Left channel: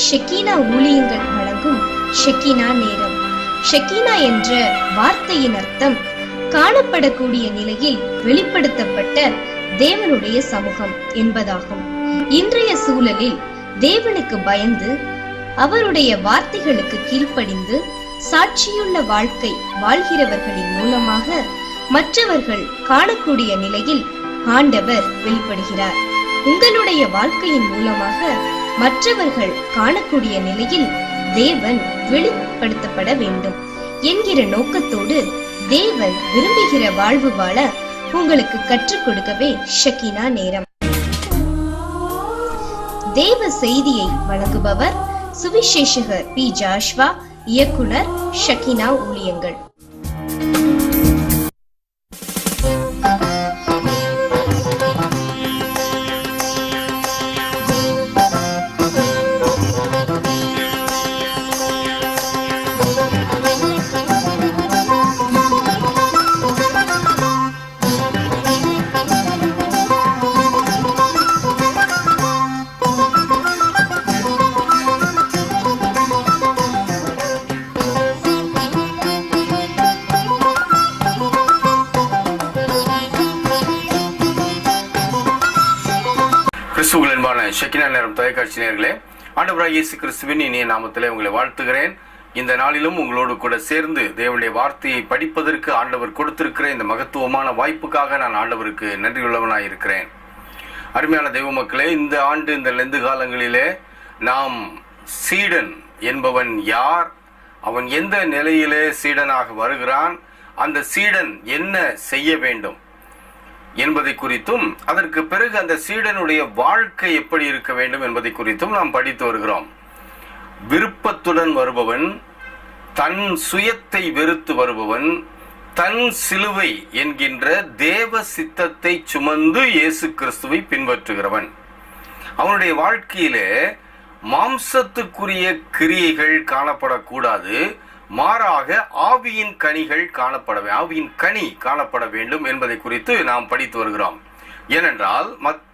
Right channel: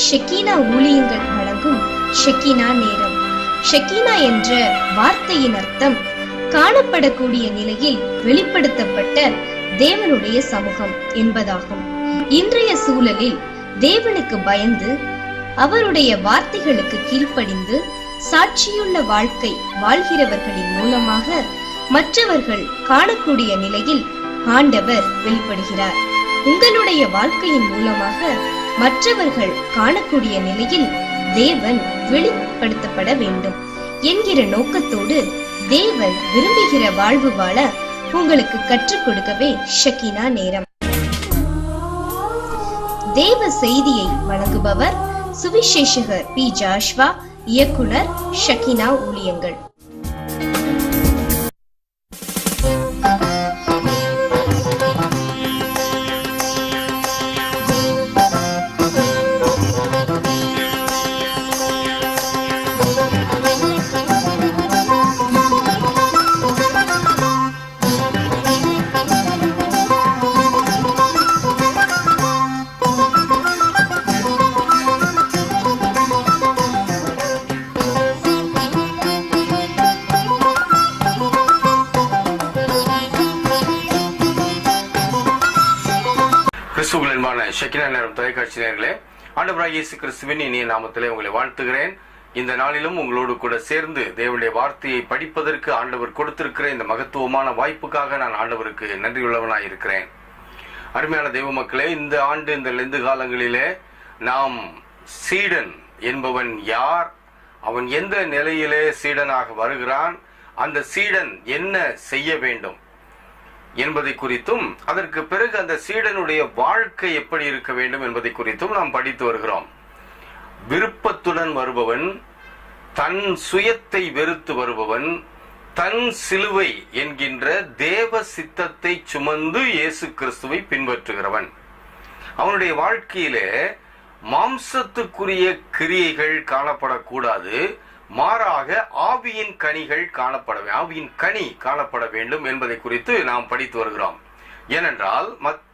ஷெக்கீனா ஊழியங்கள் வழங்கும் ஷெக்கீனா நேரம். ஷெக்கீனா என்ற வார்த்தையின் அர்த்தம் காணப்படக்கூடிய நிலையில் வெளிப்படுத்தப்பட்ட தேவனுடைய சமூகம் என்பதாகும். இன்றைய சூழலில் தேவனுக்கு பயந்து அவருடைய வார்த்தைகளுக்கு கீழ்ப்படிந்து சாட்சியுள்ள வாழ்க்கை வாழ்கிறவர்களின் மூலமாக மற்றவர்கள் காணக்கூடிய நிலையில் ஆண்டவர் வெளிப்படுகிறார். உங்களுடைய வாழ்க்கையின் மூலமாக மற்றவர்கள் காணக்கூடிய நிலையில் தேவன் வெளிப்படுத்தப்பட வேண்டும் என்கிற நோக்கத்தோடு தேவன் விரும்புகிற வாழ்வு வாழ உங்களுக்கு கற்றுக் கொடுக்கவே ஷெக்கீனா நேரம். தேவ செய்தியை வழங்குபவர் சுவிசேஷகர் பி. ஜாஷ்வா, இயக்குனர், ஷெக்கீனா ஊழியங்கள். ஷெக்கீனா நேரம் தொலைக்காட்சி நேயர்களே, ஆண்டவராகிய இயேசு கிறிஸ்துவின் இனிய நாமத்திலே உங்களை வாழ்த்துகிறேன். இந்த நாளிலும் உங்களோடு கூட சேர்ந்து தேவனுடைய வார்த்தையை படிப்பதற்கு ஆண்டவர் கொடுத்திருக்கிற இந்த மகத்துவமான வாய்ப்புக்காக நான் ஆண்டவருக்கு நன்றியுள்ளவனாய் இருக்கிறேன். அருமையான தெய்வ மக்களே, இந்த ஆண்டு இந்த லெந்து காலங்களிலே நாம் சீடன் என்பவன் யார், அவன் எந்த நிலையிலே சீடனாக வருகிறான், அந்த சீடன் என்ன செய்ய வேண்டும் என்பதை குறித்தும், அதற்கு பிறகு அந்த சீடனுடைய வாழ்க்கை எப்படி இருக்க வேண்டும் என்பதை குறித்தும் நாம் படித்து வருகிறோம். விருப்பத்துடன் வருபவன், தன் சுயத்தை வெறுத்து வருபவன், தன் சிலுவை என்கின்ற தேவ சித்தத்தை சுமந்து இயேசு கிறிஸ்துவை பின்பற்றுகிறவன். அவனுடைய வாழ்க்கையிலே மாம்சத்துக்குரிய கிரியைகள் காணப்படக்கூடாது, மாறாக ஆவியின் கனிகள் ஆவியின் கனி காணப்பட வேண்டும் என்பதை குறித்து நாம் படித்து வருகிறோம். ஏனென்றால்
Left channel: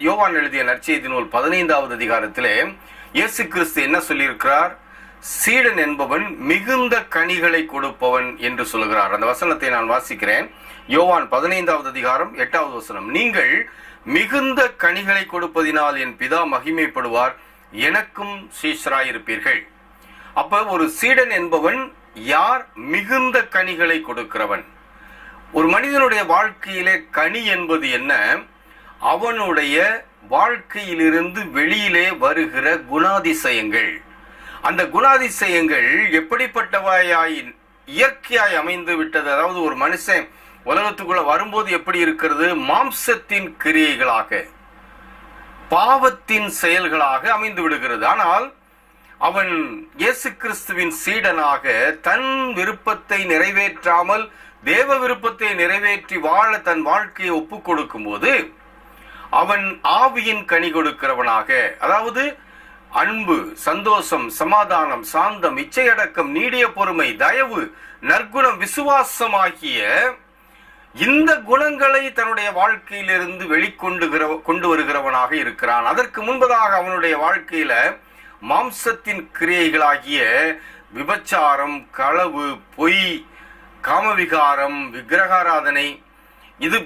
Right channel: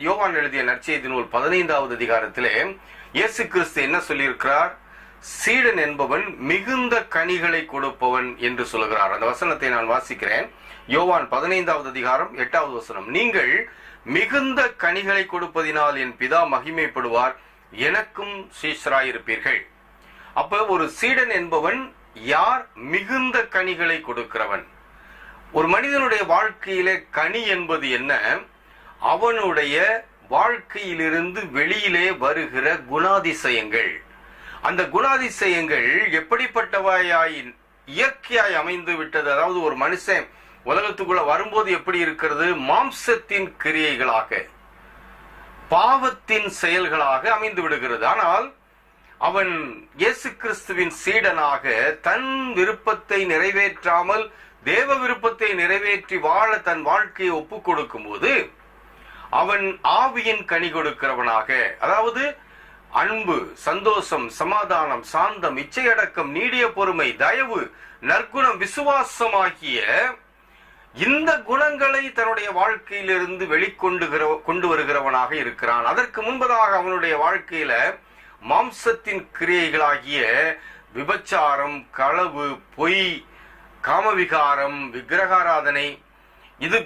யோவான் எழுதிய நற்செய்தி நூல் 15வது அதிகாரத்திலே இயேசு கிறிஸ்து என்ன சொல்லியிருக்கிறார்? சீடன் என்பவன் மிகுந்த கனிகளை கொடுப்பவன் என்று சொல்கிறார். அந்த வசனத்தை நான் வாசிக்கிறேன். யோவான் 15வது அதிகாரம் 8வது வசனம். நீங்கள் மிகுந்த கனிகளை கொடுப்பதினால் என் பிதா மகிமைப்படுவார், எனக்கும் சீஷராயிருப்பீர்கள். அப்ப ஒரு சீடன் என்பவன் யார்? மிகுந்த கனிகளை கொடுக்கிறவன். ஒரு மனிதனுடைய வாழ்க்கையிலே கனி என்பது என்ன? அவனுடைய வாழ்க்கையிலிருந்து வெளியிலே வருகிற குணாதிசயங்கள். அந்த குணாதிசயங்கள் எப்படிப்பட்டவாய் இயற்கையாய் அமைந்து விட்டது. அதாவது ஒரு மனுஷன் உலகத்துக்குள்ள வரும்போது எப்படி இருக்கிறது? மாம்சத்தின் கிரியைகளாக, பாவத்தின் செயல்களாக அமைந்து விடுகிறது. ஆனால் அவன் இயேசு கிறிஸ்துவின் சீடனாக தன் விருப்பத்தை நிறைவேற்றாமல் தேவ விருப்பத்தை நிறைவேற்றி வாழ தன் வாழ்க்கையை ஒப்புக் கொடுக்கும் போது அவன் ஆவியின் கனி கொடுக்கிறவனாக, அதாவது அன்பு, சந்தோஷம், சமாதானம், சாந்தம், இச்சையடக்கம், நீடிய பொறுமை, தயவு, நற்குணம், விசுவாசம் ஆகிய இந்த குணங்களை தன்னுடைய வாழ்க்கையிலிருந்து கொண்டு வருகிறவனாக இருக்கிறான். அதற்கு முன்பதாக அவனுடைய வாழ்க்கையில மாம்சத்தின் கிரியைகளாகிய விபச்சாரம், களவு, பொய், காமவிகாரம், விக்கிரகாராதனை, இது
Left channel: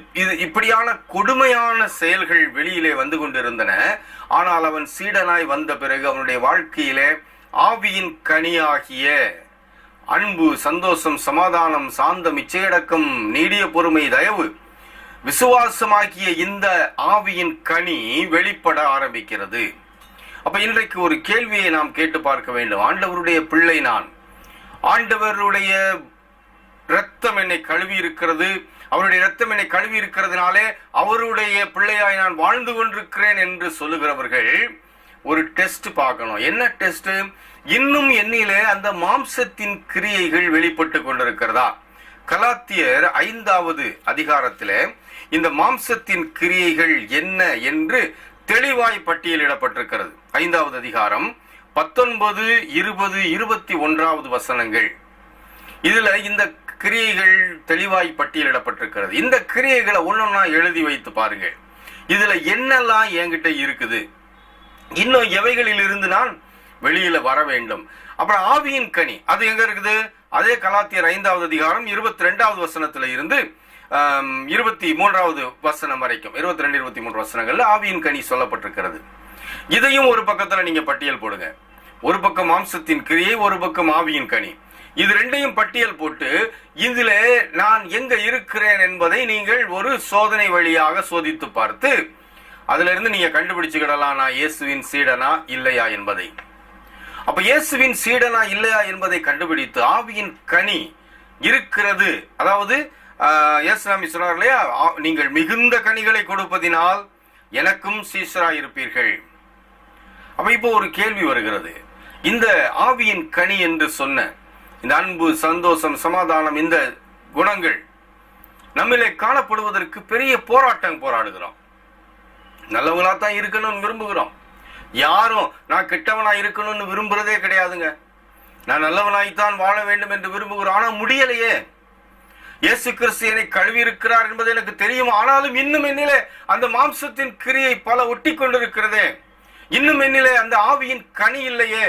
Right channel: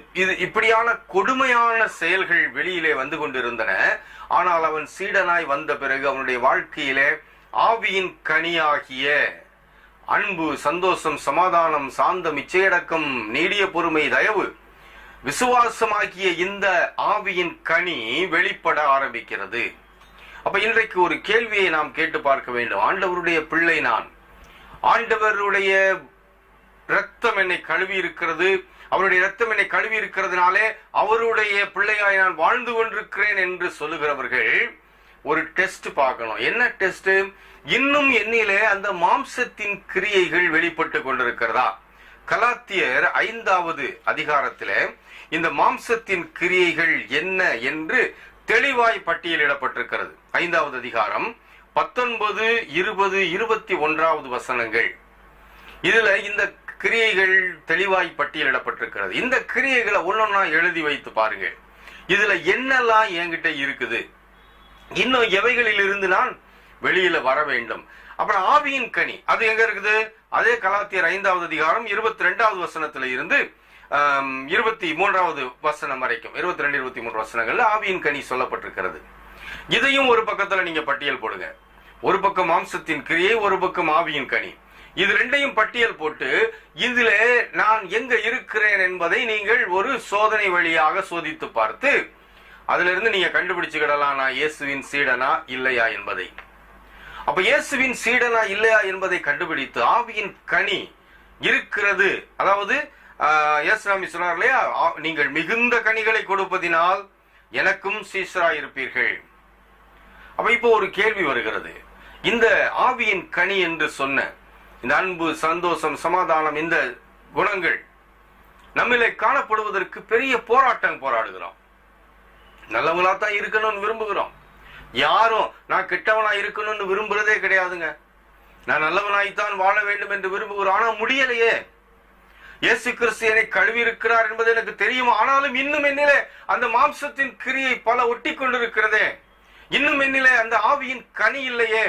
இப்படியான கொடுமையான செயல்கள் வெளியிலே வந்து கொண்டிருந்தன. ஆனால் அவன் சீடனாய் வந்த பிறகு அவனுடைய வாழ்க்கையிலே ஆவியின் கனியாகிய அன்பு, சந்தோஷம், சமாதானம், சாந்தம், இச்சையடக்கம், நீடிய பொறுமை, தயவு, விசுவாசமாகிய இந்த ஆவியின் கனி வெளிப்பட ஆரம்பிக்கிறது. அப்ப இன்றைக்கு ஒரு கேள்வியை நாம் கேட்டு பார்க்க வேண்டும். ஆண்டவருடைய பிள்ளை நான், ஆண்டவருடைய இரத்தம் என்னை கழுவி இருக்கிறது, அவருடைய இரத்தம் என்னை கழுவி இருக்கிறதுனாலே அவருடைய பிள்ளையாய் நான் வாழ்ந்து கொண்டிருக்கிறேன் என்று சொல்லுகிறவர்கள் ஒரு டெஸ்ட் பார்க்கணும். என்ன டெஸ்ட்? இன்னும் என்னிலே அந்த மாம்சத்தின் கிரியைகள் வெளிப்பட்டு கொண்டிருக்கிறதா? கலாத்தியர் 5வது அதிகாரத்திலே இந்த மாம்சத்தின் கிரியைகள் என்ன என்று தெளிவாய் பட்டியலிடப்பட்டிருக்கிறது. 5வது அதிகாரம் 19, 20, 21வது வசனங்கள். இதுல இந்த கிரியைகள் தெளிவாய் பட்டியலிடப்பட்டிருக்கிறது. இந்த கிரியைகளை ஒன்னொன்னா எழுதி வைத்து பாருங்க. இதுல என்னெல்லாம் என்கிட்ட இருக்குது, இன்னும் எவைகளில் இருந்து நான் வெளியில வர வேண்டும். அப்புறம் ஆவியின் கனி அது எங்க இருக்குது? அதே கலாத்தியர் 5வது அதிகாரம் 22வது வசனத்துல இருந்து 23வது வசனம் வரைக்கும் 22, 23 வசனங்கள்ல ஆவியின் கனி சொல்லப்பட்டிருக்கிறது. இதையும் ஒரு பக்கத்துல நீங்க பட்டியல் போடுங்க. ஒரு பக்கம் மாம்சத்தின் கிரியை, ஒரு பக்கம் ஆவியின் கனி. இது ரெண்டையும் பட்டியல் போட்டு இதுல நான் எங்க இருக்கிறேன் என்பதை நீங்கள் ஒரு சோதனை வழியாக சோதித்து பார்த்து அதுல இருந்து நீங்க கண்டுபிடிச்சுக்கிடலாம், நான் இயேசுவின் சீடனா இல்லையா என்பதை. அப்ப இயேசுவின் சீடனா இல்லையா என்பதை கண்டுபிடித்து ஆவியின் கனி இருக்கிறது. அதாவது இயேசுநாமி சொன்னார் இல்லையா, நீங்கள் மிகுந்த கனிகளை கொடுப்பதினால் எனக்கும் சீஷராய் இருப்பீர்கள். அப்ப இப்போ ஒரு கேள்வி வருகிறது. இந்த ஆவியின் கனி என்று சொன்ன இந்த அன்பு, சந்தோஷம், சமாதானம், இந்த குணங்கள் நம்மிலே காணப்படுவதற்கு பெரிய போராட்டம் போராடுகிறோம். நல்லவங்களா தான் இருக்கணும்னு விரும்புகிறோம். யாரும் நான் கெட்டவனா இருக்கணும்னு விரும்புறதே கிடையாதுங்க. நான் நல்லவனாய்த்தான் வாழ வேண்டும் என்று விரும்புகிறோம். ஆனா முடியலையே. இயேசு கிறிஸ்து என்னை கழுவி இருக்கிறார் என்பது எனக்கு தெரியும். ஆனாலும் இன்னும் என்னிலே அந்த மாம்சத்தின் கிரியை பல ஒட்டி கொண்டிருக்கிறதே, இன்னும் என்னிலே அந்த ஆவியின் கனி இல்லையே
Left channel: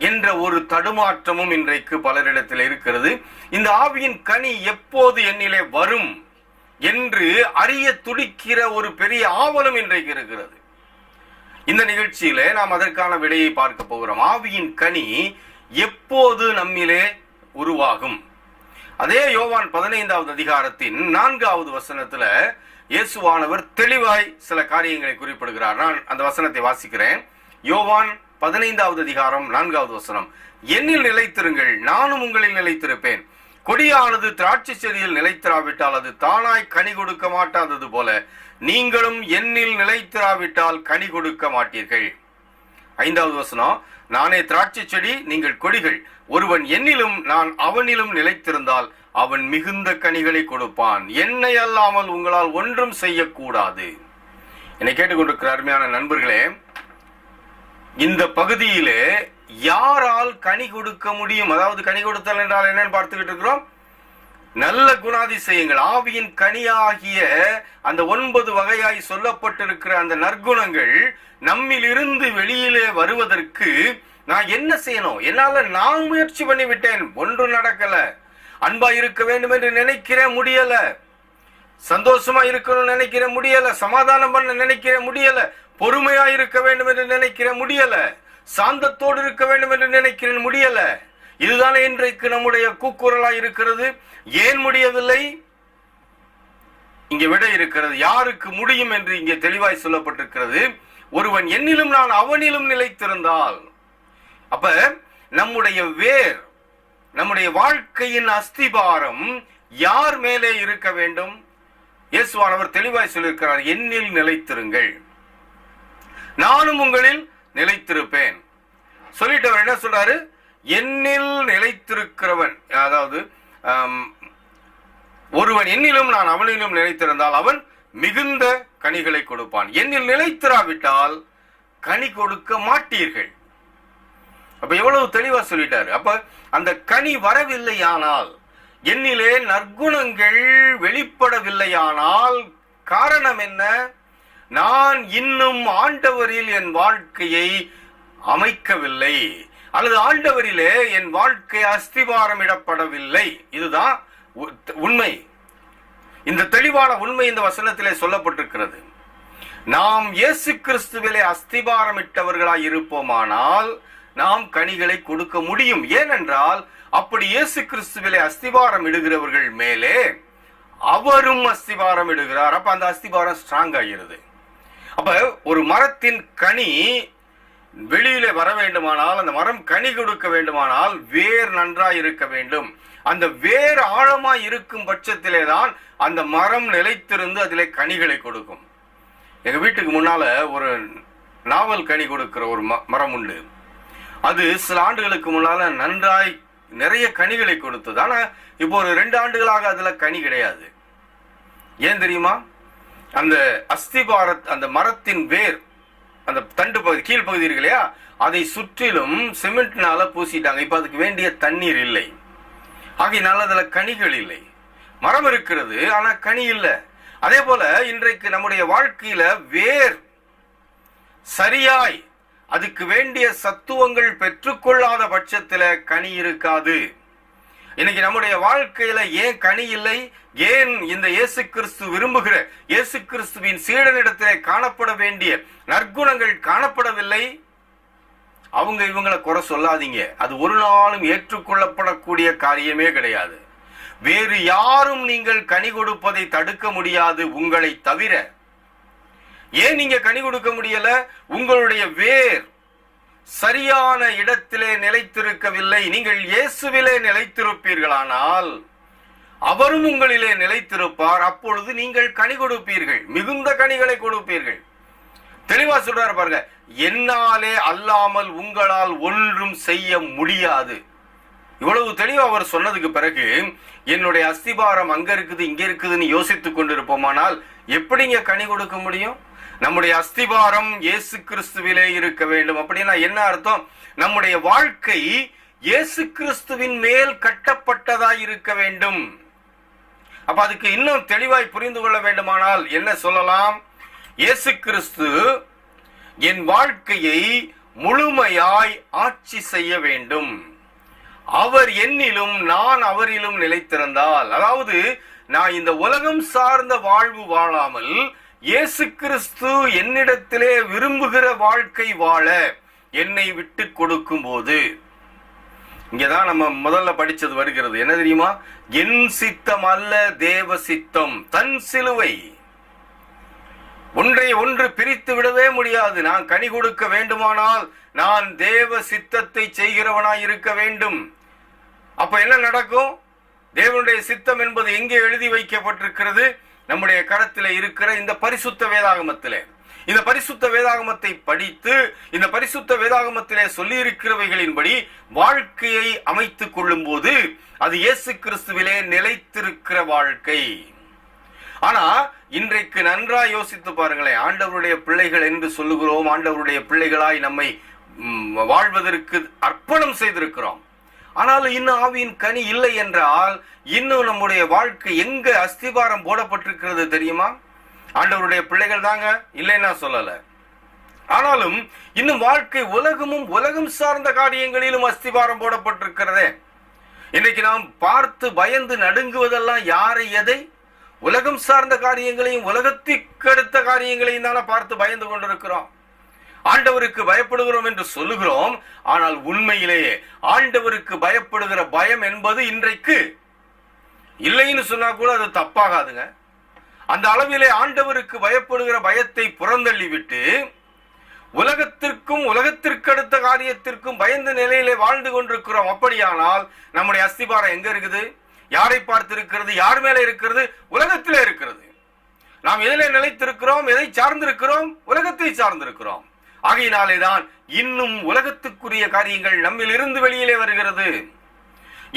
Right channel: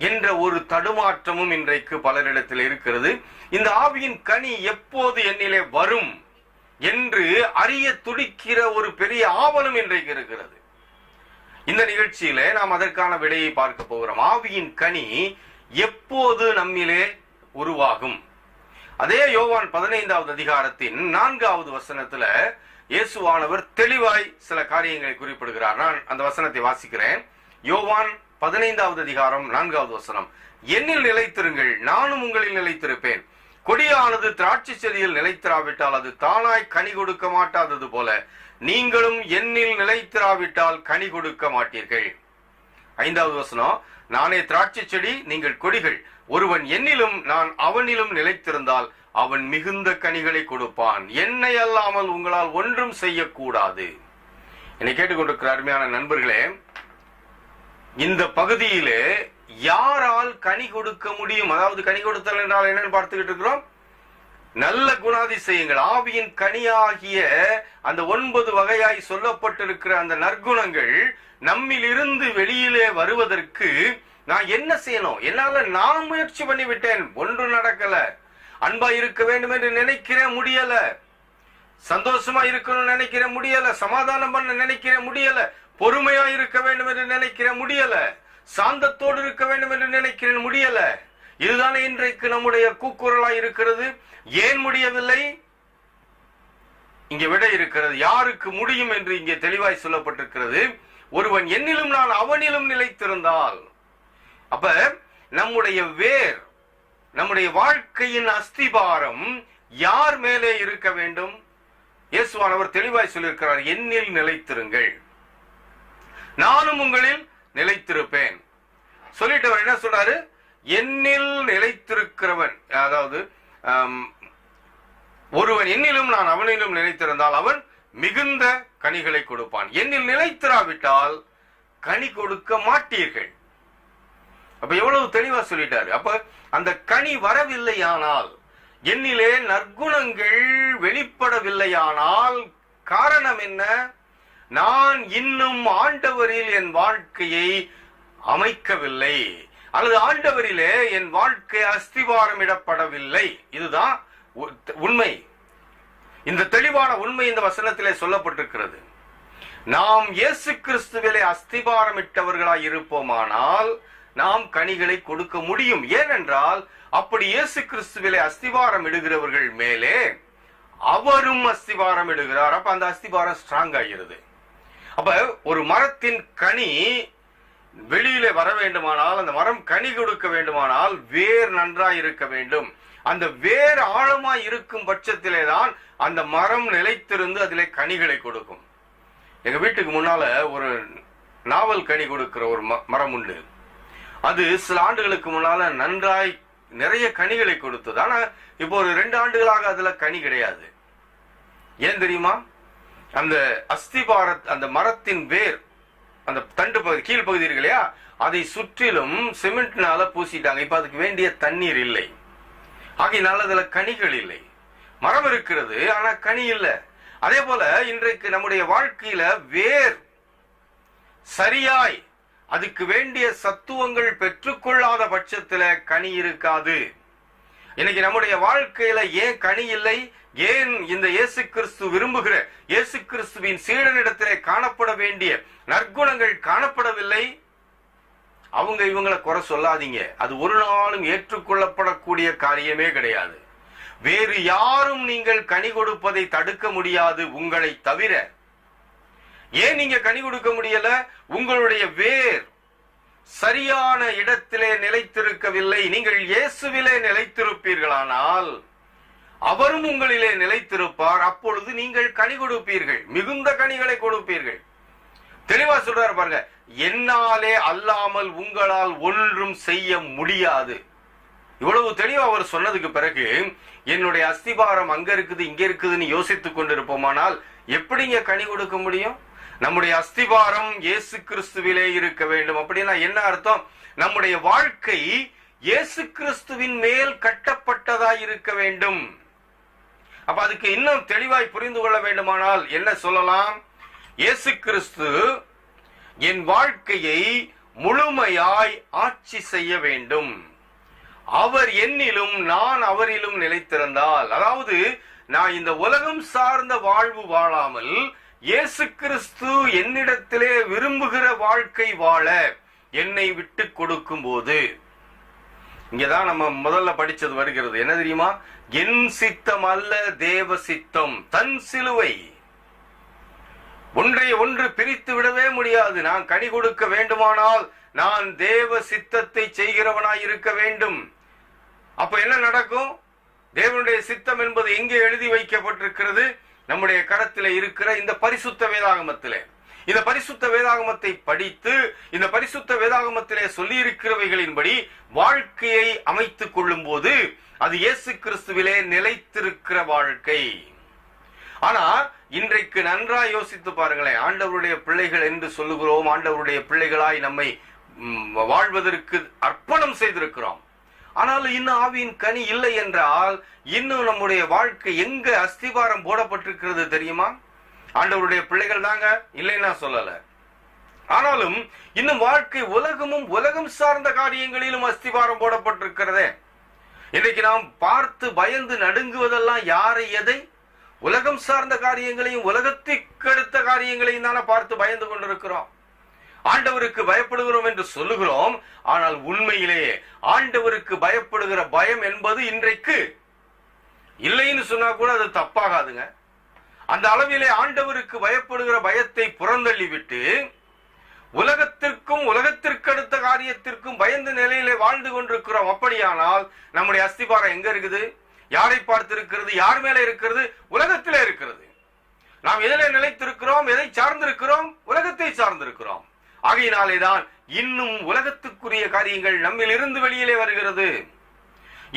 என்ற ஒரு தடுமாற்றமும் இன்றைக்கு பலரிடத்தில் இருக்கிறது. இந்த ஆவியின் கனி எப்போது என்னிலே வரும் என்று அறிய துடிக்கிற ஒரு பெரிய ஆவலும் இன்றைக்கு இருக்கிறது. இந்த நிகழ்ச்சியில நாம் அதற்கான விடையை பார்க்க போகிறோம். ஆவியின் கனி எப்போது நம்மிலே உருவாகும்? அதே யோவான் 15வது அதிகாரத்தின் 4வது வசனத்துல இயேசுவானவர் தெளிவாய் சில காரியங்களை குறிப்பிடுகிறார். நான் அந்த வசனத்தை வாசிக்கிறேன். யோவான் 15வது அதிகாரம் 4வது வசனம். என்னில் நிலைத்திருங்கள், நானும் உங்களில் நிலைத்திருப்பேன். கொடியானது திராட்சை செடியில் நிலைத்திராவிட்டால் அது தானாய் கனி கொடுக்க மாட்டாதது போல நீங்களும் என்னில் நிலைத்திராவிட்டால் கனி கொடுக்க மாட்டீர்கள். 5வது வசனம். நானே திராட்சை செடி, நீங்கள் கொடிகள். ஒருவன் என்னிலும் நான் அவனிலும் நிலைத்திருந்தால் அவன் மிகுந்த கனிகளை கொடுப்பான். என்னை அல்லாமல் உங்களால் ஒன்றும் செய்யக்கூடாது. என்னை கேட்டுக்கொண்டிருக்கிற அருமையான நண்பர்களே, இந்த பகுதியிலே யாரால் கனி கொடுக்க முடியும்? அதாவது கனி கொடுத்தல் என்றால் என்னன்னு பார்த்துக்கிட்டு இருக்கிறோம். நல்ல குணாதிசயங்கள், ஆவியின் கனியாகிய அந்த 9 வகையாய் சொல்லப்பட்டிருக்கிற அந்த நற்குணங்கள் நம்மில் இருந்து வெளியிலே வருவதற்கு நான் என்ன செய்யணும்? என்னால நான் முயற்சி பண்ணி விட்டேன், ஒன்றும் நடக்கல. அன்பா இருக்க வேண்டும் என்று நினைக்கிறேன், முடியல. சந்தோஷமா இருக்கணும்னு நினைக்கிறேன், முடியல. சமாதானம் பண்ண நினைக்கிறேன், முடியல. பொறுமையா இருக்க வேண்டும் என்று நினைக்கிறேன், முடியல. சாந்தத்தோடு இருக்க வேண்டும் என்று நினைக்கிறேன், முடியல. இதுதானே இன்றைக்கு நம்முடைய கூக்குரலாய் இருக்கிறது. ஏன் முடியவில்லை? இங்கே விடை இருக்கிறது. யாருக்கு முடியும் என்று இங்கே தெளிவாய் சொல்லப்பட்டிருக்கிறது. ஒருவன் என்னிலும் நான் அவனிலும் நிலைத்திருந்தால். அப்ப நம்முடைய வேர், நம்முடைய வாழ்க்கையின் அஸ்திபாரம் யார் மேலே இருக்க வேண்டும்? இயேசுவானவர் தெளிவாய் சொல்லியிருக்கிறார், என்னில் நிலைத்திருங்கள், நானும் உங்களில் நிலைத்திருப்பேன். சொல்லிட்டவர் என்ன சொல்றாரு? என்னில் நிலைத்திருக்கிறவன், அதாவது ஒருவன் என்னிலும் நான் அவனிலும் நிலைத்திருந்தால் அவன் மிகுந்த கனிகளை கொடுப்பான். என்னில் நிலைத்திராவிட்டால் கனி கொடுக்க மாட்டீர்கள். அப்ப எவ்வளவு தெளிவா சொல்லிட்டாரு. அப்ப அந்த கனி வரவில்லையானால், என்னிலே நற்குணங்கள் வெளிப்படவில்லையானால் காரணம் என்ன? நான் இன்னும் ஆண்டவரில் என் வாழ்க்கையை அமைக்கவில்லை, அல்லது ஆண்டவரிலே என் வாழ்க்கை அஸ்திபாரமிடப்படவில்லை. இதுதான் உண்மை. இந்த தெளிவான உண்மை இந்த வசனத்திலே சொல்லப்பட்டிருக்கிறது. நாம் இயேசு கிறிஸ்துவிலே அஸ்திபாரமிட்டவர்களாய் இருப்போமானால் நாம் கனிகளை கொடுக்க முடியும். ஏனென்றால் அப்படி இயேசு கிறிஸ்துவிலே அஸ்திபாரம் இடுகிறவர்கள் மேலே அவரும் அஸ்திபாரம் இடுகிறார். அப்ப அந்த அஸ்திபாரம் ஸ்ட்ராங் ஆகிறது. அப்ப ஒரு மரத்தின் கனி வெளியிலே வர வேண்டுமானால், அந்த மரம் கனி கொடுக்க வேண்டுமானால் வேர் நன்றாய் இருக்க வேண்டும். அந்த வேர் ஆழமாய் இருக்கும் பட்சத்திலே தான் அந்த மரம் நிலைத்திருந்து அதிலே கனிகளை கொடுக்கும். எங்க வீட்டுக்கு முன்னால ஒரு நாவல் கனி கொடுக்கிற ஒரு மரம் உண்டு. அது சில ஆண்டுகளுக்கு முன்னால நன்றாய் நிறைய கனிகளை கொடுத்தது. ஆனா இப்போ ஒரு 2 ஆண்டுகளாக அதுல கனி கிடையாது. ஏன் தெரியுமா? அந்த அந்த மரத்தின் வேர், அந்த தண்டு பகுதி, கீழ்பகுதி இருக்கு இல்லையா, அதை சுற்றிலும் சிமெண்ட்னால பூசிட்டாங்க. இப்ப அதுக்கு வேண்டிய தண்ணீர் இல்லை. ஆகையினால அதுல கனிகள் இல்லை. மரம் இருக்கிறது, ஆனா கனி இல்லை. அதே போல இன்றைக்கு நம்முடைய வாழ்க்கையில வேர் சரியாய் அதுக்கு வேண்டிய சத்துவங்கள் பெற்றுக்கொள்ளாத பட்சத்துல கனி இருக்காது. இன்னைக்கு நம்முடைய வாழ்க்கையில ஏன் கனி இல்லை, ஏன் இந்த இயேசு கிறிஸ்து விரும்புகிற இயேசு கிறிஸ்துவின் சீடனிடத்திலே காணப்பட வேண்டிய நற்குணங்கள் காணப்படவில்லை? அவங்க இவங்களை குறை சொல்லாதீங்க, அது ஒரு நாளும் ஏற்றுக்கொள்ளப்படக்கூடிய காரியமே கிடையாது. வேறு யாரும் நீங்கள் கனி கொடுப்பதை தடுக்க முடியாது உங்களை தவிர. ஏன் நீங்க கனி கொடுக்க முடியல? உங்களுடைய வேர் சரியான இடத்திலே நிலைத்திருக்கவில்லை. நீங்கள் இயேசுவிலே நிலைத்திருப்பீர்களானால் அவரும் உங்களிலே நிலைத்திருப்பார். அப்பொழுது நீங்கள் கனி கொடுப்பீர்கள், மிகுந்த கனிகளை கொடுப்பீர்கள். தெளிவா சொல்றாரு பாருங்க, என்னாலே அல்லாமல் உங்களால் ஒன்றும் செய்ய முடியாது. இவ்வளவு தெளிவா அவர் சொன்னதுக்கு பிறகு என்னுடைய அஸ்திபாரம் அங்க இருக்குது இங்க இருக்குதுன்னு யோசித்துக் கொண்டிருப்போமானால் எப்படிங்க கனி கொடுக்க முடியும்? நம்முடைய அஸ்திபாரம் இயேசு கிறிஸ்துவிலே இருக்க வேண்டும். அப்படின்னா என்ன அர்த்தம்? நம்முடைய வாழ்க்கை இயேசு கிறிஸ்துவின் மேல் கட்டப்பட்டதாய் இருக்க வேண்டும். அப்ப அதுக்கு இன்னும் தெளிவாய் புரிந்து கொள்ள வேண்டுமானால் என்ன சொல்லலாம்? இயேசு கிறிஸ்து என் வாழ்க்கையை முழுமையாய் ஆட்சி செய்ய வேண்டும். அவர் என்னிலும் நான் அவரிலும் நிலைத்திருந்தால், அதாவது நான் இந்த உலகம் சார்ந்த வாழ்வு வாழாமல் இயேசு கிறிஸ்து என்னிடத்திலே விரும்புகிற வாழ்க்கை வாழ என்னை விட்டு கொடுக்கும் போது, இங்கதான் நம்ம முதல்ல படிச்சது வருகிறது. என்ன தெரியுமா? என் சித்தம் அல்ல தேவ சித்தம். தன் சிலுவை ஒன்றை ஒன்று பிரித்து விடவே முடியாது. நான் கனி கொடுக்க வேண்டுமானால் நான் தேவ சித்தத்தை செய்கிறவனாய் இருக்க வேண்டும். அப்ப என்ன நடக்கும்? தேவனுடைய சித்தம் என்பது எங்கே எழுதி வைக்கப்பட்டிருக்கிறது? நம்முடைய கரத்திலே இருக்கிற இந்த பரிசுத்த வேதாகமத்திலே. இந்த பரிசுத்த வேதாகமத்தை படித்து இந்த பரிசுத்த வேதாகமத்திலே சொல்லி இருக்கிறவைகளின்படி வாழ்க்கையை அமைத்துக் கொள்ளும் போது அது இயேசு கிறிஸ்துவிலே நிலைத்திருக்கிற வாழ்க்கை. ஆனா இன்றைக்கு நன்றாய் யோசித்து பாருங்களேன். ஆண்டவருடைய பிள்ளைகள் என்று சொல்லுகிறோம், ஆண்டவருடைய பிள்ளைகளாய் நம்மை வாழ்வதற்கு அர்ப்பணம் செய்திருக்கிறோம். ஆனாலும் இன்னும் ஆவியின் கனி இல்லை என்றால் இன்னும் நம்முடைய வாழ்க்கை எங்க அஸ்திபாரம் போடப்பட்டிருக்கிறது தெரியுமா? ஆண்டவருடைய பிள்ளைகள் தாங்க, இல்லைன்னா சொல்லல. ஆனாலும் இன்னும் வாழ்க்கை உலகமும் உலகம் சார்ந்த காரியங்களிலும் அஸ்திபாரம் போடப்பட்டிருக்கிறதே. இன்னைக்கு நாம் பார்த்து பயந்து நடுங்குவதெல்லாம் யாரை எதை? உலகம் சார்ந்த காரியங்களையும் உலகத்திற்கு அடுத்த காரியங்களையும் தானே பார்த்து பயந்து கொண்டிருக்கிறோம். ஆண்டவருக்கு பயப்படுகிறோம் என்று சொல்லுகிறோம், ஆனால் உண்மையிலேயே ஆண்டவருக்கு பயப்படுகிற பயம் என்பது இன்றைக்கு இல்லைன்னு சொன்னா கூட அது தப்பாகாதுங்க. அந்த அளவிலே ஆண்டவருக்கு பயப்படுகிற பயத்தை புறந்தள்ளி விட்டு உலகத்திற்கும் உலகத்திற்கு அடுத்த காரியத்திற்கும் பயந்த நிலையிலே வாழ்ந்து கொண்டிருக்கிறோம். அப்படியானால் நம்முடைய அஸ்திபாரம் எங்க இருக்குது? யாரை பார்த்து இருக்கிறது? யார் மேல இருக்கிறது? உலகத்திலே இருக்கிறது. நாம் எதிலே நிலைத்திருக்கிறோம்? எதை சார்ந்திருக்கிறோம்? உலகத்தை சார்ந்திருக்கிறோம். ஆகையினாலேதான் இன்னும் உலகத்துக்குரிய காரியங்கள் நம்மில் இருந்து வெளியிலே வருகிறது.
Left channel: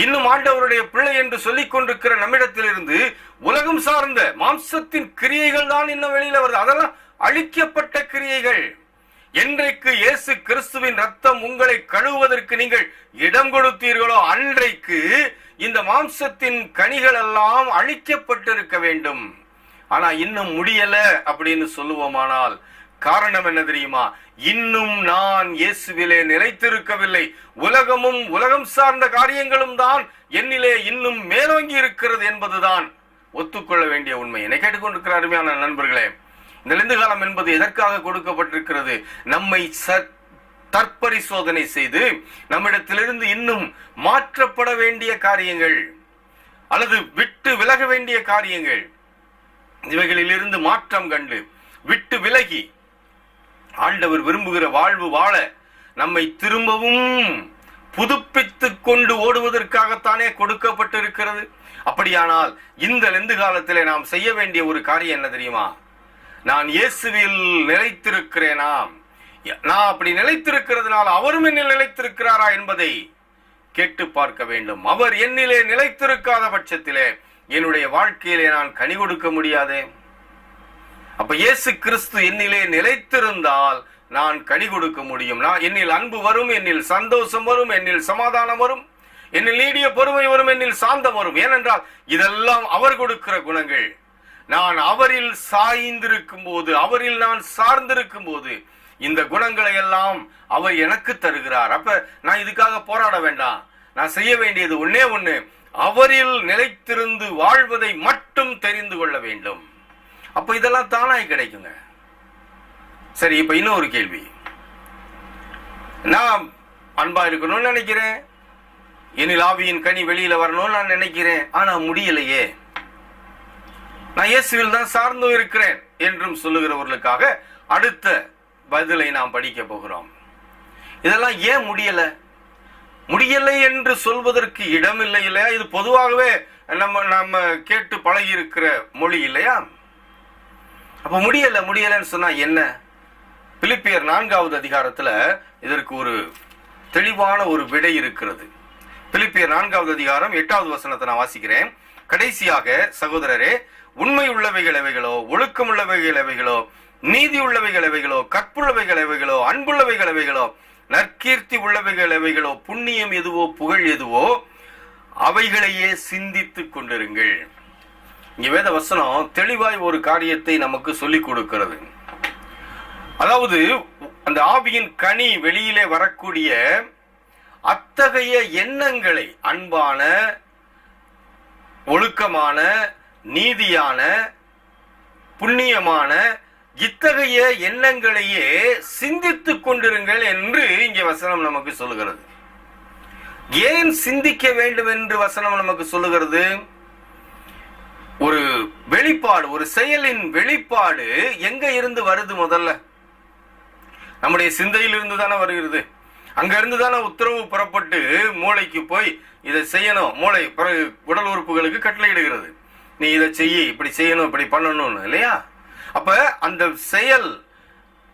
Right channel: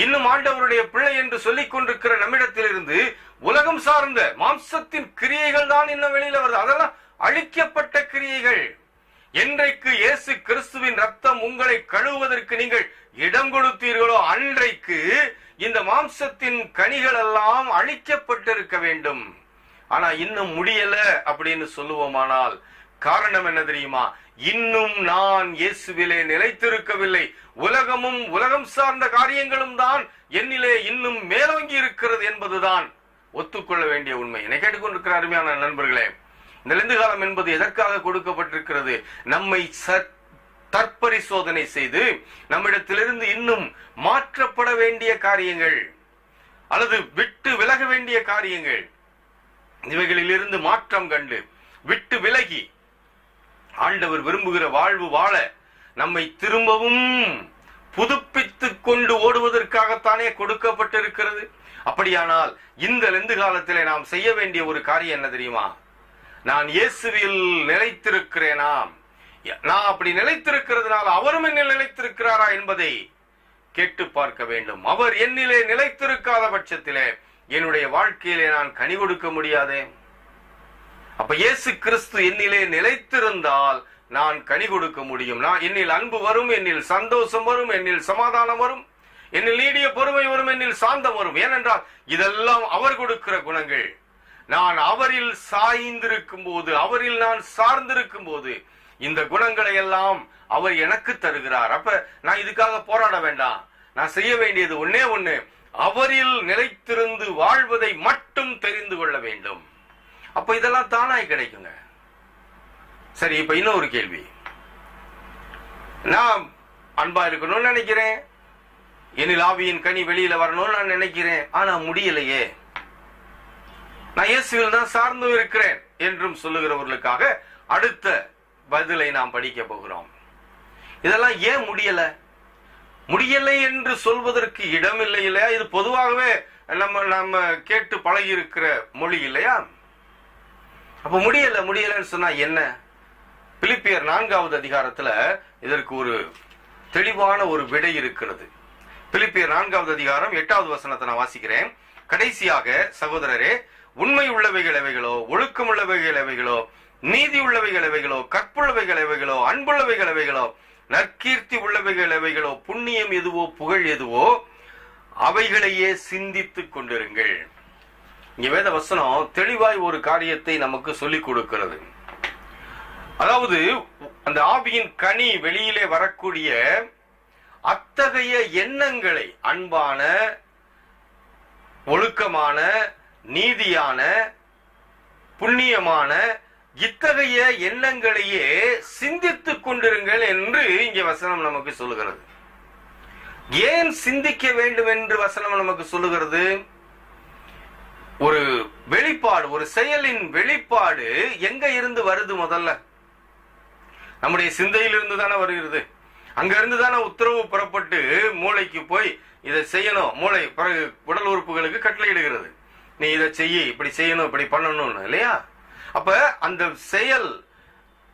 இன்னும் ஆண்டவருடைய பிள்ளை என்று சொல்லிக் கொண்டிருக்கிற நம்மிடத்திலிருந்து உலகம் சார்ந்த மாம்சத்தின் கிரியைகள் தான் இன்னும் வெளியில வருது. அதெல்லாம் அழிக்கப்பட்ட கிரியைகள். என்றைக்கு இயேசு கிறிஸ்துவின் ரத்தம் உங்களை கழுவுவதற்கு நீங்கள் இடம் கொடுத்தீர்களோ அன்றைக்கு இந்த மாம்சத்தின் கனிகள் எல்லாம் அழிக்கப்பட்டிருக்க வேண்டும். ஆனா இன்னும் முடியல அப்படின்னு சொல்லுவோமானால் காரணம் என்ன தெரியுமா? இன்னும் நான் இயேசுவிலே நிலைத்திருக்கவில்லை. உலகமும் உலகம் சார்ந்த காரியங்களும் தான் என்னிலே இன்னும் மேலோங்கி இருக்கிறது என்பதுதான் ஒத்துக்கொள்ள வேண்டிய உண்மை. என்னை கேட்டுக்கொண்டிருக்கிற அருமையான நண்பர்களே, இந்த லெந்து காலம் என்பது எதற்காக கொடுக்கப்பட்டிருக்கிறது? நம்மை தற்பரிசோதனை செய்து நம்மிடத்திலிருந்து இன்னும் மாற்றப்பட வேண்டிய காரியங்கள் அல்லது விட்டு விலக வேண்டிய காரியங்கள், இவைகளிலிருந்து மாற்றம் கண்டு விட்டு விலகி ஆண்டவர் விரும்புகிற வாழ்வு வாழ நம்மை திரும்பவும் புதுப்பித்துக் கொண்டு ஓடுவதற்காகத்தானே கொடுக்கப்பட்டிருக்கிறது. அப்படியானால் இந்த லெந்து காலத்திலே நாம் செய்ய வேண்டிய ஒரு காரியம் என்ன தெரியுமா? நான் இயேசுவில் நிலைத்திருக்கிறேனா? நான் அப்படி நிலைத்திருக்கிறதுனால அவரும் என்னில் நிலைத்திருக்கிறாரா என்பதை கேட்டு பார்க்க வேண்டும். அவர் என்னிலே நிலைத்திருக்காத பட்சத்திலே என்னுடைய வாழ்க்கையிலே நான் கனி கொடுக்க முடியாதே. அப்ப இயேசு கிறிஸ்து என்னிலே நிலைத்திருந்தால் நான் கனி கொடுக்க முடியும். நான் என்னில் அன்பு வரும், என்னில் சந்தோஷம் வரும், என்னில் சமாதானம் வரும், என்னில் நீடிய பொறுமை வரும், என்னில் சாந்தம் வரும். ஏனென்றால் இதெல்லாம் அவர் கொடுக்கிற குணங்கள். நான் அவரில் சாய்ந்திருக்கும் போது, அவரில் நான் சார்ந்திருக்கும் போது இந்த குணங்களை எல்லாம் அவர் எனக்கு தருகிறார். அப்ப நான் இதுக்காக போராட வேண்டாம். நான் செய்ய வேண்டியது ஒன்னே ஒண்ணு, அவரில் நிலைத்திருந்து வாழ்வதை மட்டும் தெரிந்து கொள்ள வேண்டும். அப்ப இதெல்லாம் தானாய் கிடைக்குங்க. சரி, இப்ப இன்னொரு கேள்வி. நான் அன்பா இருக்கணும்னு நினைக்கிறேன், என்னில் ஆவியின் கனி வெளியில வரணும்னு நான் நினைக்கிறேன், ஆனா முடியலையே. நான் இயேசுவில் தான் சார்ந்து இருக்கிறேன் என்றும் சொல்லுகிறவர்களுக்காக அடுத்த பதிலை நாம் படிக்க போகிறோம். இதெல்லாம் ஏன் முடியலை என்று சொல்வதற்கு இடம் இல்லை இல்லையா? இது பொதுவாகவே நம்ம கேட்டு பழகி இருக்கிற மொழி இல்லையா? அப்ப முடியலன்னு சொன்னா என்ன? பிலிப்பியர் 4வது அதிகாரத்துல இதற்கு ஒரு தெளிவான ஒரு விடை இருக்கிறது. பிலிப்பியர் 4வது அதிகாரம் 8வது வசனத்தை நான் வாசிக்கிறேன். கடைசியாக சகோதரரே, உண்மை உள்ளவைகள் எவைகளோ, ஒழுக்கம் உள்ளவைகள் எவைகளோ, நீதி உள்ளவைகள் எவைகளோ, கற்புள்ளவைகள் எவைகளோ, அன்புள்ளவைகள் எவைகளோ, நற்கீர்த்தி உள்ளவைகள் எவைகளோ, புண்ணியம் எதுவோ, புகழ் எதுவோ, அவைகளையே சிந்தித்துக் கொண்டிருங்கள். இங்க வேத வசனம் தெளிவாய் ஒரு காரியத்தை நமக்கு சொல்லிக் கொடுக்கிறது. அதாவது அந்த ஆவியின் கனி வெளியிலே வரக்கூடிய அத்தகைய எண்ணங்களை, அன்பான, ஒழுக்கமான, நீதியான, புண்ணியமான இத்தகைய எண்ணங்களையே சிந்தித்துக் கொண்டிருங்கள் என்று இங்கே வசனம் நமக்கு சொல்லுகிறது. ஏன் சிந்திக்க வேண்டும் என்று வசனம் நமக்கு சொல்லுகிறது? ஒரு வெளிப்பாடு, ஒரு செயலின் வெளிப்பாடு எங்க இருந்து வருது? முதல்ல நம்முடைய சிந்தையில் இருந்து தானே வருகிறது. அங்க இருந்து தானே உத்தரவு புறப்பட்டு மூளைக்கு போய் இதை செய்யணும். மூளை பிறகு உடல் உறுப்புகளுக்கு கட்டளையிடுகிறது, நீ இதை செய்ய, இப்படி செய்யணும், இப்படி பண்ணணும்னு, இல்லையா? அப்ப அந்த செயல்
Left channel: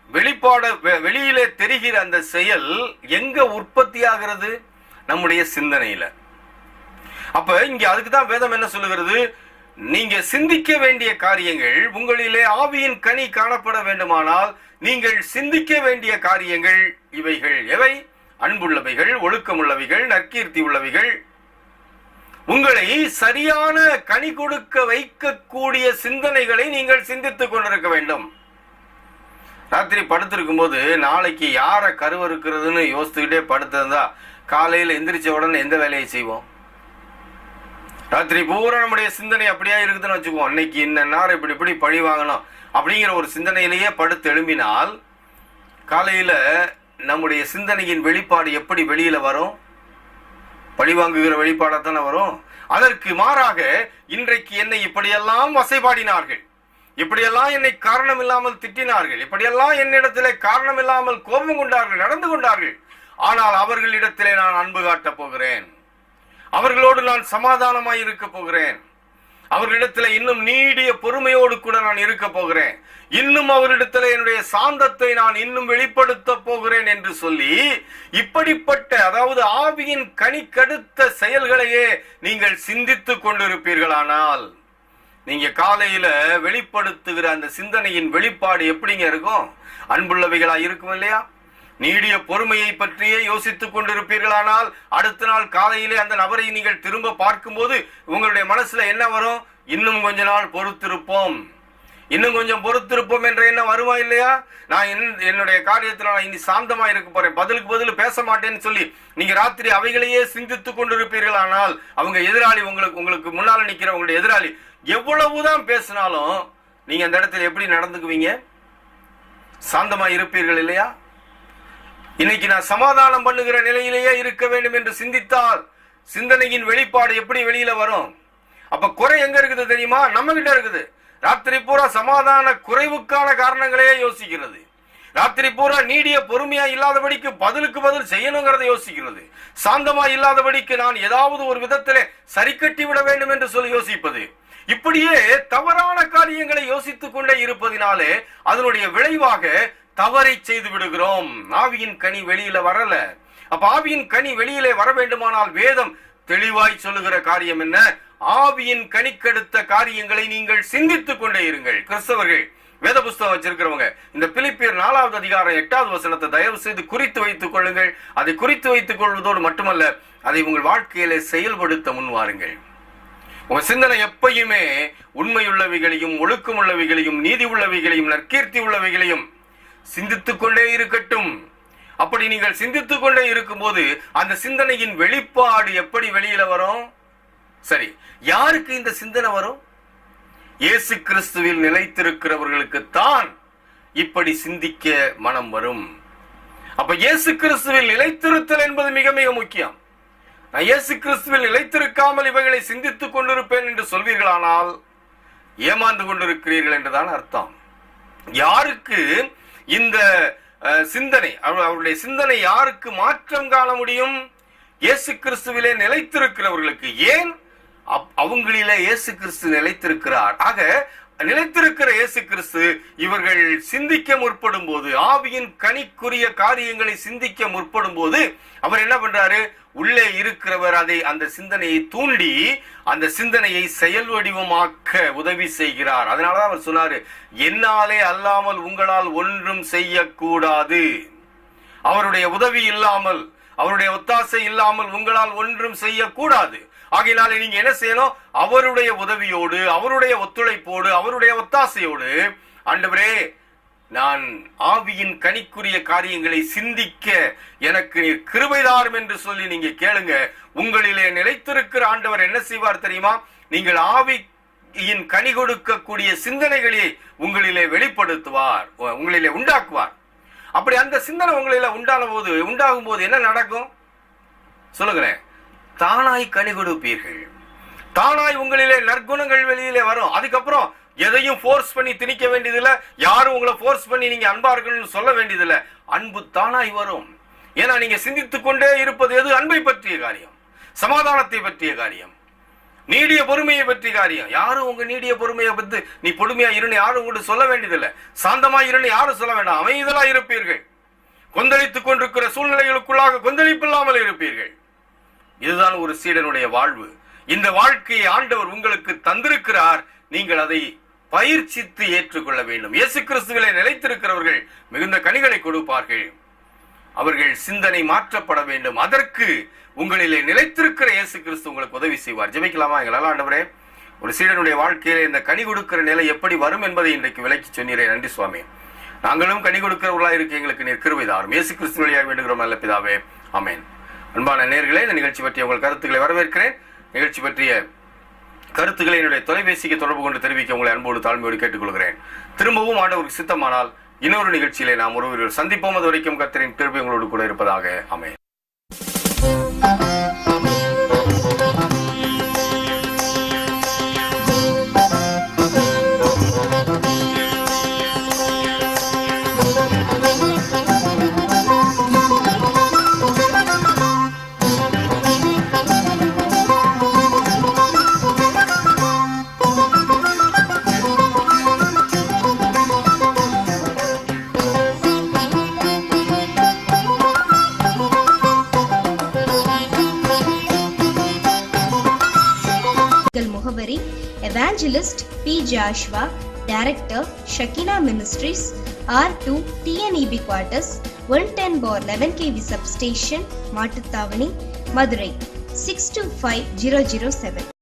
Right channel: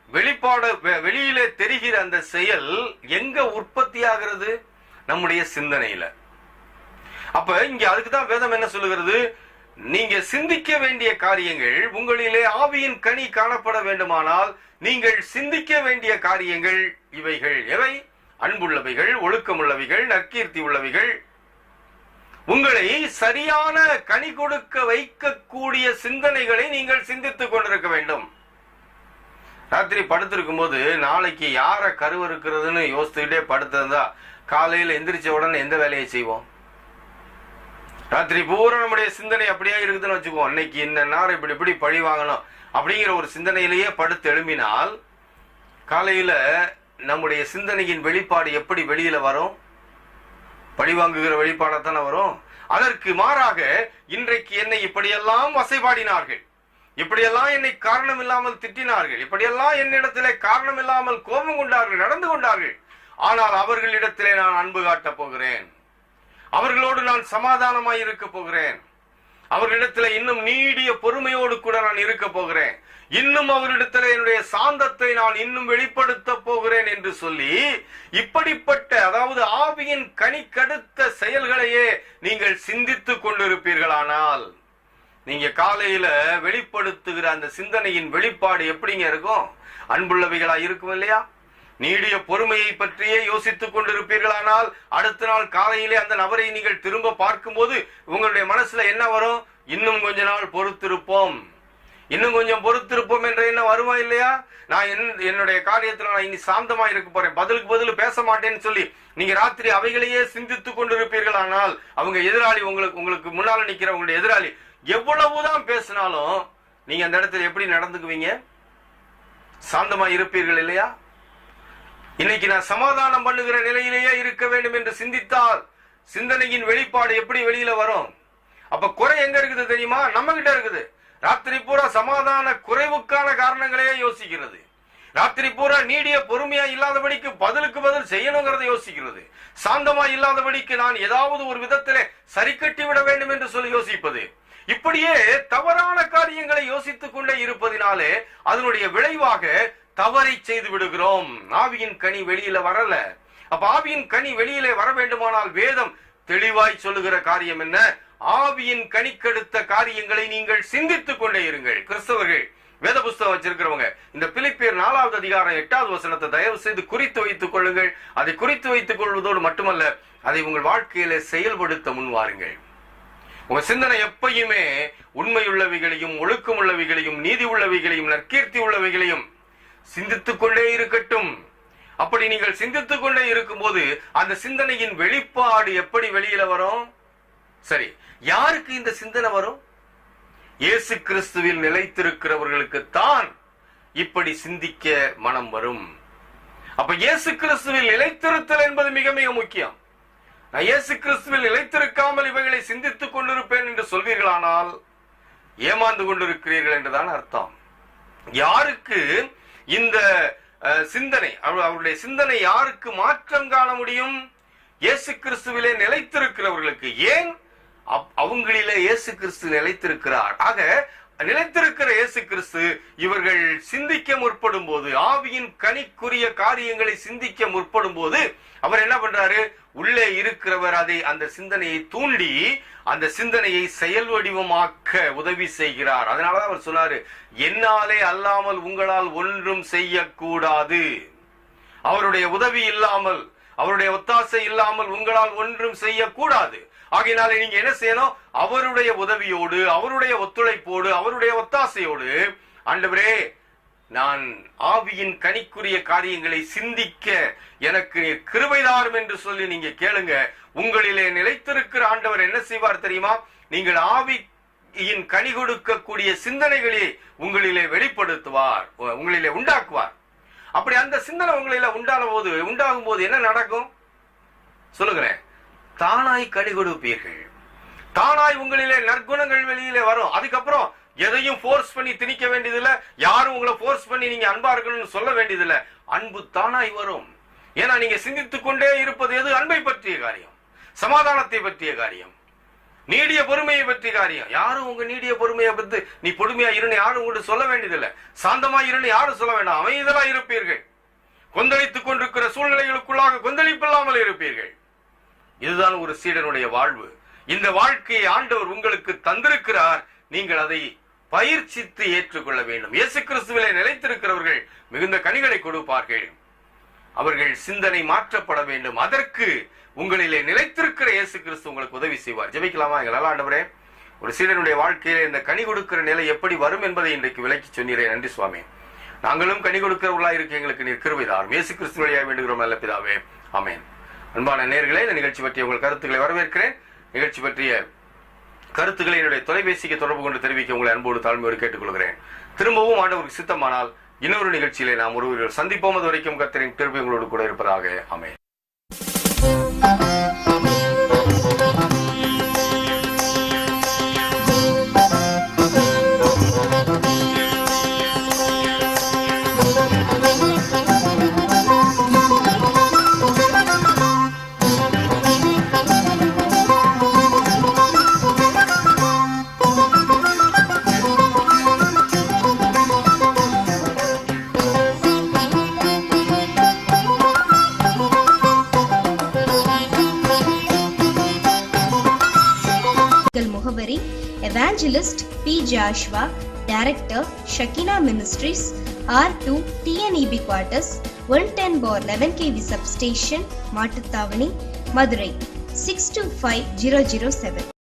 வெளிப்பாடு, வெளியிலே தெரிகிற அந்த செயல் எங்க உற்பத்தி ஆகிறது? நம்முடைய சிந்தனையில. அப்ப இங்க அதுக்குதான் வேதம் என்ன சொல்லுகிறது? நீங்க சிந்திக்க வேண்டிய காரியங்கள், உங்களிலே ஆவியின் கனி காணப்பட வேண்டுமானால் நீங்கள் சிந்திக்க வேண்டிய காரியங்கள் இவைகள். எவை? அன்புள்ளவைகள், ஒழுக்கமுள்ளவைகள், நற்கீர்த்தி உள்ளவைகள், உங்களை சரியான கனி கொடுக்க வைக்கக்கூடிய சிந்தனைகளை நீங்கள் சிந்தித்துக் கொண்டிருக்க வேண்டும். ராத்திரி படுத்திருக்கும் போது நாளைக்கு யார கருவறுக்கிறதுன்னு யோசித்துக்கிட்டே படுத்திருந்தா காலையில் எந்திரிச்ச உடனே எந்த வேலையை செய்வோம்? ராத்திரி பூரா நம்முடைய சிந்தனை அப்படியே இருக்குதுன்னு வச்சுக்குவோம். இன்னைக்கு இந்த நேரம் இப்படி பழி வாங்கணும் அப்படிங்கிற ஒரு சிந்தனையிலேயே படுத்து எழும்பினால் காலையில நம்முடைய சிந்தனையின் வெளிப்பாடு எப்படி வெளியில வரும்? பழிவாங்குகிற வெளிப்பாடாத்தானே வரும். அதற்கு மாறாக இன்றைக்கு என்னை இப்படியெல்லாம் வசைபாடினார்கள், இப்படியெல்லாம் என்னை காரணம் இல்லாமல் திட்டினார்கள், இப்படியெல்லாம் என்னிடத்திலே காரணம் இல்லாமல் கோபம் கொண்டார்கள், நடந்து கொண்டார்கள், ஆனால் அவர்களிடத்திலே நான் அன்பு காட்டப் போகிறேன், அவர்களோடு நான் சமாதானமாய் இருக்க போகிறேன், அவர்களிடத்துல இன்னும் நீடிய பொறுமையோடு கூட நான் இருக்க போகிறேன், இன்னும் அவரிடத்துல என்னுடைய சாந்தத்தை நான் இன்னும் வெளிப்படுத்த போகிறேன் என்று சொல்லி இப்படிப்பட்ட, அதாவது ஆவியின் கனிக்கடுத்த செயல்களையே நீங்கள் சிந்தித்துக் கொண்டிருப்பீர்களானால் நீங்க காலையில வெளிப்படுத்துகிற அந்த சிந்தனையின் வெளிப்பாடு எப்படிங்க இருக்கும்? அன்புள்ளவைகளா இருக்கும் இல்லையா? நீடிய பொறுமையை பற்றியே யோசித்துக் கொண்டிருப்பீர்களானால் அடுத்த நாள் காலையிலே அந்த நபரை நீங்கள் திரும்ப பார்க்கும்போது உங்களுடைய மனசுல என்ன வரும்? இன்னும் கொஞ்ச நாள் பொறுத்திருப்போம், இன்னும் கொஞ்சம் பொறுத்திருப்போம் என்ற என்ன வருமா இல்லையா? நான் என்னுடைய காரியத்தில் நான் இனி சாந்தமா இருக்க போறேன், பதிலுக்கு பதில் பேச மாட்டேன்னு சொல்லி நீங்க ராத்திரி அவைகளையே சிந்தித்துக் கொண்டிருப்பீர்களானால் அவங்க எதிராளி, உங்களுக்கு முன்னால நிக்கிற உங்களுடைய எதிராளி எவ்வளவுதான் பேசினாலும் நீங்க அந்த இடத்துல எப்படி நடந்துக்குவீங்க? சாந்தமா இருப்பீர்கள் இல்லையா? இன்னைக்கு நான் சமாதானம் பண்ணுகிற நிலையிலேயே இருக்க வேண்டும் என்று சிந்தித்தால் சிந்தனையின் வெளிப்பாடு எப்படி வெளியில வரும்? அப்ப குறை எங்க இருக்குது தெரியுமா? நம்ம கிட்ட இருக்குது. ராத்திரி பூரா சமாதான குறைவுக்கான காரணங்களையே யோசிக்கிறது, ராத்திரி பூரா நீடிய பொறுமையா இல்லாதபடிக்கு பதிலுக்கு பதில் செய்யணுங்கிறத யோசிக்கிறது, சாந்தமா இல்லாதபடிக்கு நான் ஏதாவது ஒரு விதத்திலே சரி கட்டி விட வேண்டும் என்று சொல்லி யோசிப்பது, இப்படியே தவறான காரியங்களை யோசித்துக் கொண்டே இருப்பதினாலே அதனுடைய விளைவாக தவறை செய்து விடுகிறோம். ஆவியின் கனி வெளியில வரல. அப்ப ஆவியின் கனி வெளியிலே வர வேண்டுமானால் வேதம் தெளிவாய் சொல்லுகிற காரியம் என்ன? ஆவியின் கனிக்கெடுத்த காரியங்களை நீங்கள் சிந்தித்துக் கொண்டே இருங்கள். கிறிஸ்தவர்கள், வேத புஸ்தகம் வச்சிருக்கிறவங்க, இந்த பிலிப்பியர் 4வது அதிகாரம் 8வது வசனத்தை தயவு செய்து குறித்து வைத்துக் கொள்ளுங்கள். அதை குறித்து வைத்துக் கொள்வதோடு மட்டுமல்ல, அதை உங்கள் வாழ்க்கையில செயல்படுத்த முன்வாருங்கள். உங்க சிந்தனை எப்பயுமே உண்மையுள்ளவைகளையும், ஒழுக்கம் உள்ளவைகளையும், நீதி உள்ளவைகளையும், நற்கீர்த்தி உள்ளவைகளையும் சிந்தித்துக் கொண்டே இருக்கட்டும். அப்படி நீங்கள் சிந்தித்துக் கொண்டே இருக்கும்போது அந்த சிந்தனையின் வெளிப்பாடு எப்படி வெளியில வரும்? சரி, யாருக்கு இந்த சிந்தனை வரும்? இயேசு கிறிஸ்துவில் நிலைத்திருக்கிறவர்களுக்கு தான் இப்படி சிந்திக்க மனம் வரும். அப்ப இயேசு கிறிஸ்துவில் நிலைத்திருத்தல் என்பது மிக மிக முக்கியம். நான் இயேசு கிறிஸ்துவில் நிலைத்திருக்காமல் இவைகளை சிந்தித்துக் கொண்டிருப்பேன் என்று சொல்வீர்களானால் ஏமாந்து கொண்டிருக்கிறீர்கள் என்றுதான் அர்த்தம். யாருக்கு இந்த சிந்தனை, அவருடைய சிந்தனை யாருக்கு மாற்றம் காண முடியும்? இயேசு கிறிஸ்துவிலே நிலைத்திருக்கிறவர்களுக்கு. ஏன்? அவங்களிலே இயேசு கிறிஸ்து நிலைத்திருக்கிறார். ஆக நிலைத்திருக்கிற இயேசு கிறிஸ்து இவர்கள் சிந்திக்க முற்படும் போது, ஆவியின் கனிக்குரிய காரியங்களை சிந்திக்க முற்படும் போது அவர் என்ன பண்றாரு? உள்ளே இருக்கிறவர் அந்த சிந்தனையை தூண்டி அந்த சிந்தனையை செயல் வடிவமாக்க உதவி செய்கிறார். அதனாலதான் அவர் சொன்னாரு, என்னாலே அல்லாமல் உங்களால் ஒன்றும் செய்யக்கூடாது. அவருடைய உதவி இல்லாமல், அவருடைய ஒத்தாசை இல்லாமல் உங்களால் ஒன்றும் செய்யக்கூடாது. ஆகையினால நீங்க என்ன செய்யணும்? அவருடைய உதவியோடு, அவருடைய ஒத்துழைப்போடு, அவருடைய ஒத்தாசையோடு, ஆண்டவரே நான் ஆவியின் கனிக்குரிய காரியங்களை சிந்திக்க எனக்கு கிருபை தாரும் என்று சொல்லி நீங்க கேளுங்க. உங்களிலே நிலைத்திருக்கிற ஆண்டவர் என்ன செய்வார் தெரியுமா? நீங்கள் ஆவியின் கனி கொடுக்கக்கூடிய சிந்தனைகளை உங்களிலே வெளிப்படுத்துவார், உங்களிலே உண்டாக்குவார். அப்படி அந்த சிந்தனை உங்களிலே உண்டாகும் போது என்ன நடக்கும் சொல்லுங்களேன்? தானாய் கனி கொடுப்பீர்கள். தானாய் உங்களிலே நற்குணங்கள் வெளியிலே வரும். அதுக்கப்புறம் எதையும் போர்ஸ் பண்ணி திணிக்க வேண்டியதில்லை. யாரும் உங்களை போர்ஸ் பண்ணி நீங்க அன்பா இருக்கணும்னு சொல்ல வேண்டியதில்லை. அன்பு தானாய் வரும். ஏன்னா நீங்க சிந்தித்துக் கொண்டே இருப்பது எது? அன்பை பற்றிய காரியம், சமாதானத்தை பற்றிய காரியம், நீடிய பொறுமையை பற்றிய காரியம். யாரும் உங்க நீடிய பொறுமையை பற்றி நீ பொறுமையா இருன்னு யாரும் உங்கள்கிட்ட சொல்ல வேண்டியதில்லை. சாந்தமா இருன்னு யாரும் சொல்ல வேண்டாம். அமைதலா இருப்பீர்கள். கொந்தளித்துக் கொண்டிருக்கிற சூழ்நிலைகளுக்குள்ளாக கொந்தளிப்பில்லாமல் இருப்பீர்கள். இதுதான் ஒரு சீடனுடைய வாழ்வு. இந்த வாழ்க்கையை ஆண்டவர் உங்களுக்கு தந்திருக்கிறார். நீங்கள் அதை பயிற்சித்து ஏற்றுக்கொள்ள வேண்டும். இயேசு கிறிஸ்துவிலே நிலைத்திருக்கிறவர்கள் மிகுந்த கனிகளை கொடுப்பார்கள். அவர்கள் சிந்தனை மாற்றப்பட வேண்டும். அதற்கு உங்களிலே நிலைத்திருக்கிற இயேசு கிறிஸ்து உங்களுக்கு உதவி செய்வார். ஜெபிக்கலாமா? எங்களால் ஆண்டவரே, ஒரு சீடனுடைய வாழ்க்கையில இந்த கனி கொடுக்கிற நிலை எப்படி வரும் என்பதை இன்றைக்கு விளக்கி சொன்னீரே. நன்றி சுவாமி. நாங்களும் கனி கொடுக்கிறவர்களாக இருக்க எங்களுக்கு நீர் கிருபை தாரும். இயேசு கிறிஸ்து வழியாக வேண்டுகிறோம் நல்ல பிதாவே, ஆமென். அன்பான நேயர்களே, இந்த நிகழ்ச்சி பற்றிய உங்கள் கருத்துக்களை வரவேற்கிறேன். நிகழ்ச்சி பற்றிய கருத்துக்களை என்னுடைய தொலைபேசிக்கு தொடர்பு கொண்டு தெரிவிக்க உங்களை அன்போடு தாழ்மையோடு கேட்டுக்கொள்கிறேன். திரும்பவும் ஆண்டவருக்கு சித்தமானால் இன்னொரு நிகழ்ச்சியிலே நாம் ஒருவர் சந்திப்போம். அது வரைக்கும் கர்த்தரின் கிருபை உங்களோடு கூட இருப்பதாக. ஆமென். முகவரி: Evangelist P. Joshua, Director, Shekinah Ministries, R2 TNEB Quarters, 110/11 kV Substation, Mattuthavani, Madurai 625007.